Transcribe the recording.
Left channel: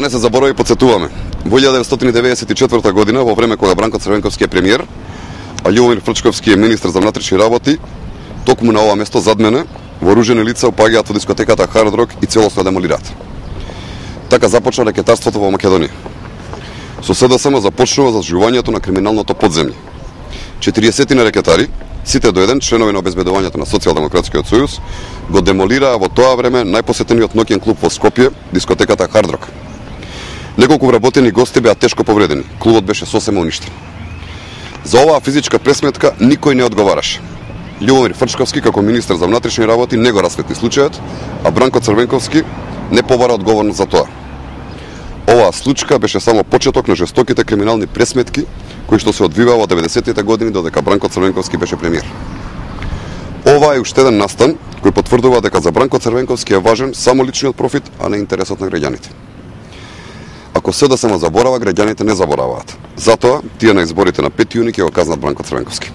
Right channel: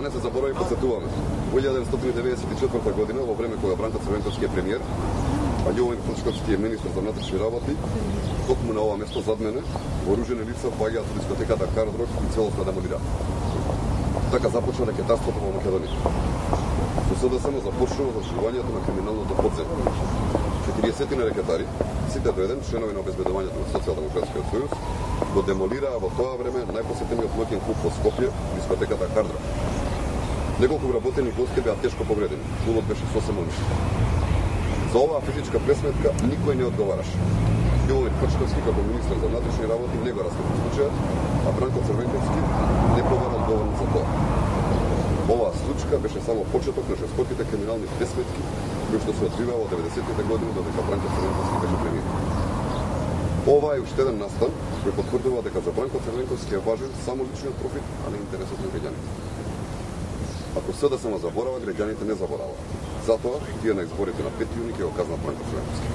Не се заборави, подсетуваме. Во 1994 година, во време кога Бранко Црвенковски е премиер, а Љубомир Фрчковски е министар за внатрешни работи, токму на ова место зад мене, вооружени лица опаѓаат во дискотеката Hard Rock и целосно демолираат. Така започна рекетарството во Македонија. Со СДСМ започнува заживувањето на криминалното подземје. 40 рекетари, сите до еден членови на обезбедувањето на Социјалдемократскиот сојуз, го демолираа во тоа време најпосетениот ноќен клуб во Скопје, дискотеката Hard Rock. Неколку вработени гости беа тешко повредени. Клубот беше сосема уништен. За оваа физичка пресметка никој не одговараше. Љубомир Фрчковски како министар за внатрешни работи не го расветли случајот, а Бранко Црвенковски не побара одговорност за тоа. Оваа случка беше само почеток на жестоките криминални пресметки кои што се одвиваа во 90-тите години додека Бранко Црвенковски беше премиер. Ова е уште еден настан кој потврдува дека за Бранко Црвенковски е важен само личниот профит, а не интересот на граѓаните. Ако СДСМ заборава, граѓаните не забораваат. Затоа, тие на изборите на 5 јуни ќе го казнат Бранко Црвенковски.